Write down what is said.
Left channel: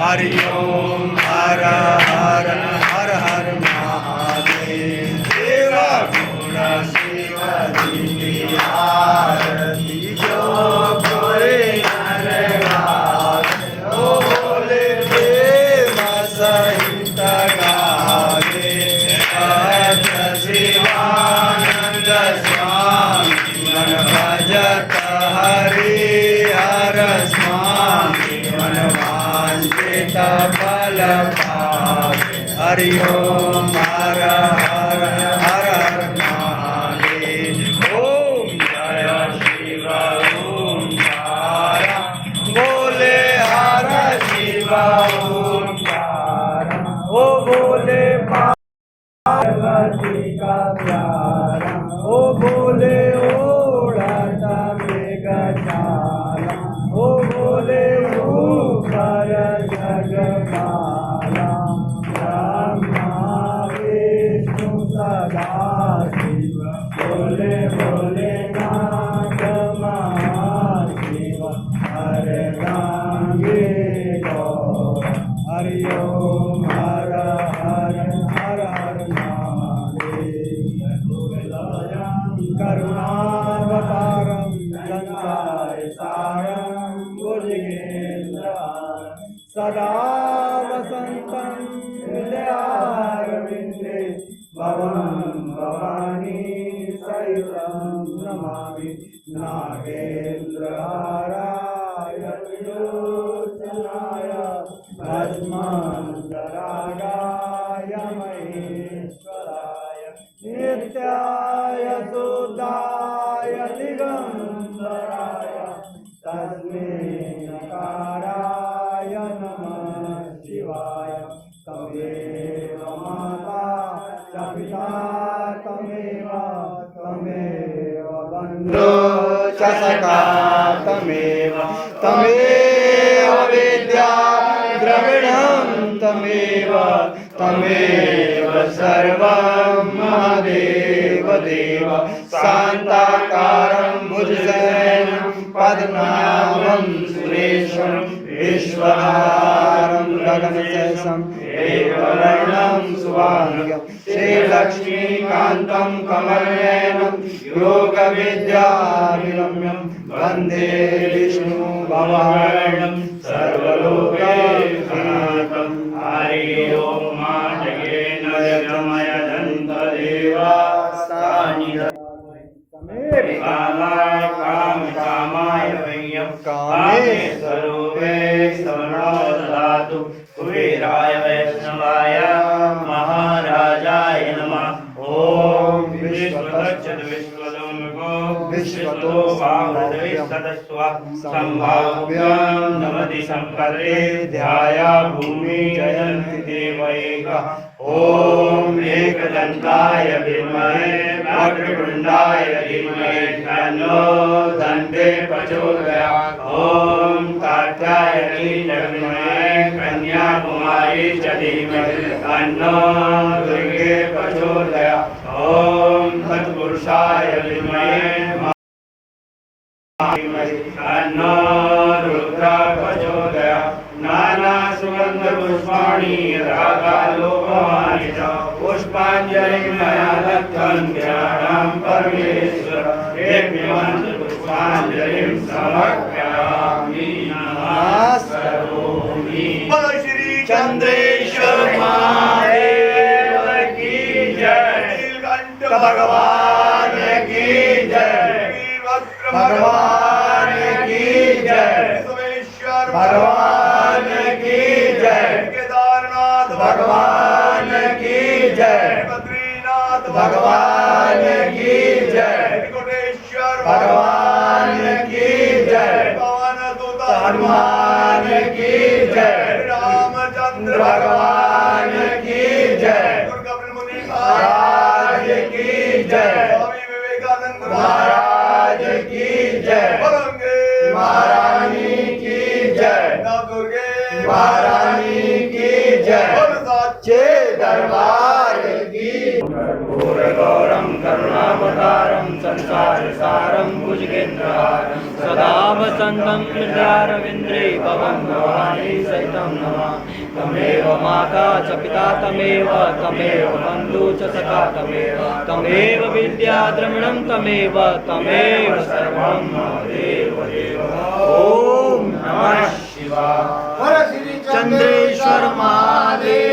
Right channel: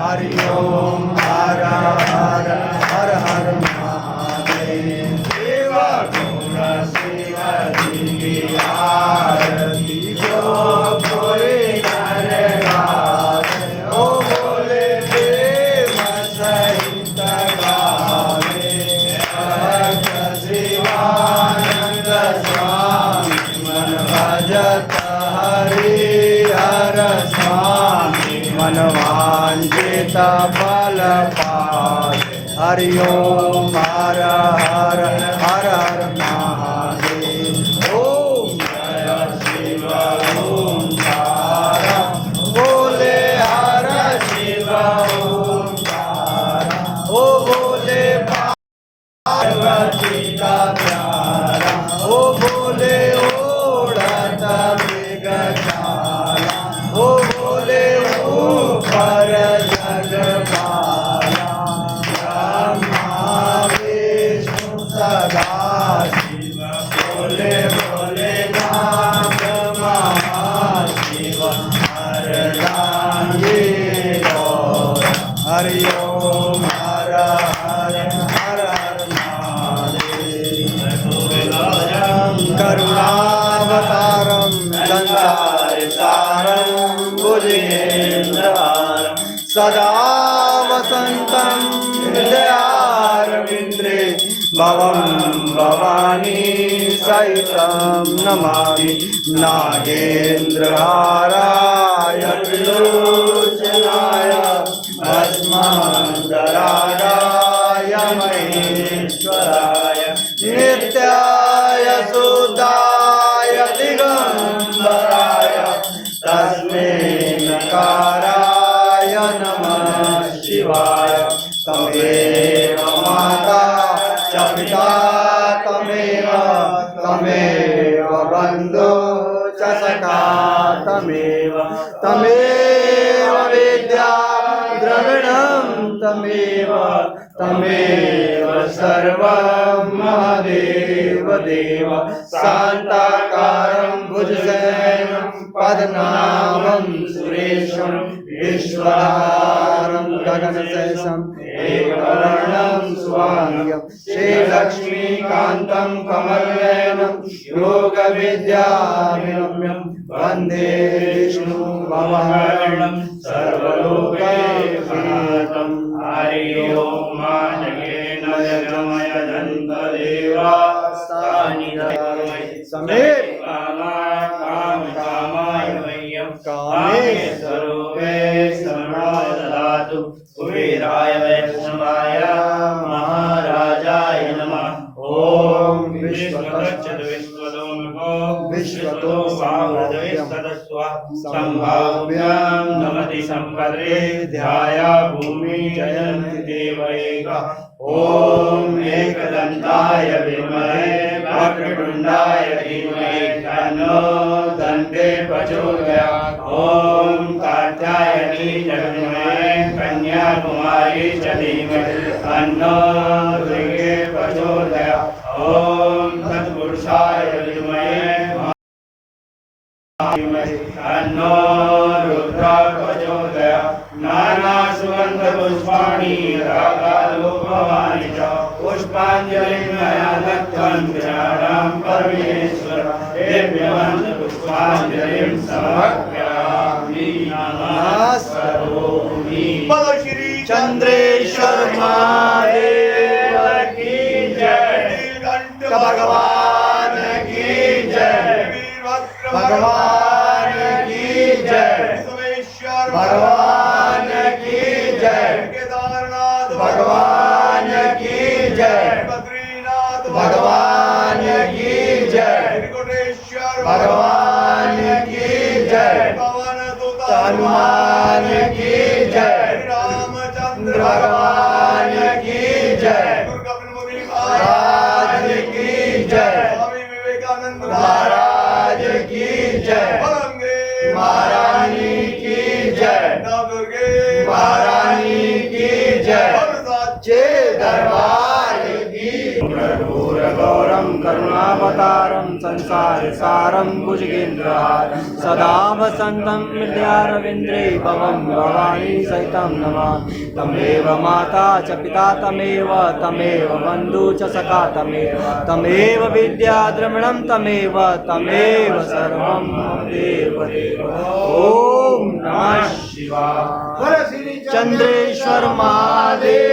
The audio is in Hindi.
हरि ओम हर हर हर हर महादेव शिव गुण शिव जी की आरती जो कोई नर गावे ओ बोले प्रेम सहित गावे भज शिवानंद स्वामी मन भजत हरि हर स्वामी मन वांछित फल पावे हरि ओम हर हर हर हर महादेव ओम जय शिव ओंकार बोले हर शिव ओंकार ओ बोले पार्वती का प्यारा ओ बोले ओढ़त मृगशाला ओ बोले ऊपर जगपाला ब्रह्मा विष्णु सदा शिव बोले बोले नाथ महाशिव हर रांगे हरि ओम हर हर हर हर महादेव करुणावतारं संसारसारं भुजगेन्द्रहारं सदा वसन्तं हृदयारविन्द्रे भवं भवानी सहितं नमामि नागेन्द्रहाराय त्रिलोचनाय भस्मधराय महेश्वराय नित्याय शुद्धाय दिगंबराय तस्मै नकाराय नमः शिवाय तमेव माता च पिता तमेव बन्धु च सखा तमेव विद्या द्रविणं तमेव सर्वं महादेव देव शान्ताकारं भुजगशयनं पद्मनाभं सुरेशं विश्वधारं गगनसदृशं एकवर्णं सुभाङ्गं श्रीलक्ष्मीकान्तं कमलनयनं योगविद्याभिरम्यं वन्दे विष्णुभवहरणं सर्वलोकैकनाथं हरि ओम समेत कामाय वयं कामे स्वरूपे शरणाय ददातु कुबेराय वैष्णवाय महाराजाय नमः ओम विश्वतश्चद विश्वतो संभाव्यं नमति संपदे ध्याया भूमि जयन्ति देवैका ओम एकदन्ताय विद्महे वक्रतुण्डाय धीमहि तन्नो दन्ते प्रचोदयात् ओम कात्यायनी विद्महे कन्याकुमारी च धीमहि तन्नो दुर्गे प्रचोदयात् ओम तत्पुरुषाय विद्महे तन्नो रुद्र प्रचोदयात् नाना सुगंध पुष्पाणि रागालोकवानि च पुष्पाञ्जलिं मया दत्तं ध्यानं परमेश्वर देव्यं पुष्पाञ्जलिं समर्पयामि नमस्करोमि बोलो श्री चंद्रेश्वर महादेव की जय नीलकंठ भगवान की जय भगवान की जय भगवान की जय केदारनाथ भगवान की जय बद्रीनाथ भगवान की जय त्रिकोटेश्वर भगवान की जय पवन दूत हनुमान की जय रामचंद्र भगवान की जय कपिल मुनि महाराज की जय स्वामी विवेकानंद महाराज की जय महारानी की जय दुर्गे महारानी की जय साचे दरबार की गौरम करुणावतारम संसारसारं भुजगेन्द्रहारं सदा वसन्तं हृदयारविन्द्रे भवं भवानी सहितं नमामि तमेव माता च पिता तमेव बन्धु च सखा तमेव विद्या द्रविणं तमेव सर्वं देव देव। ओम नमः शिवाय। चंद्रेश्वर महादेव।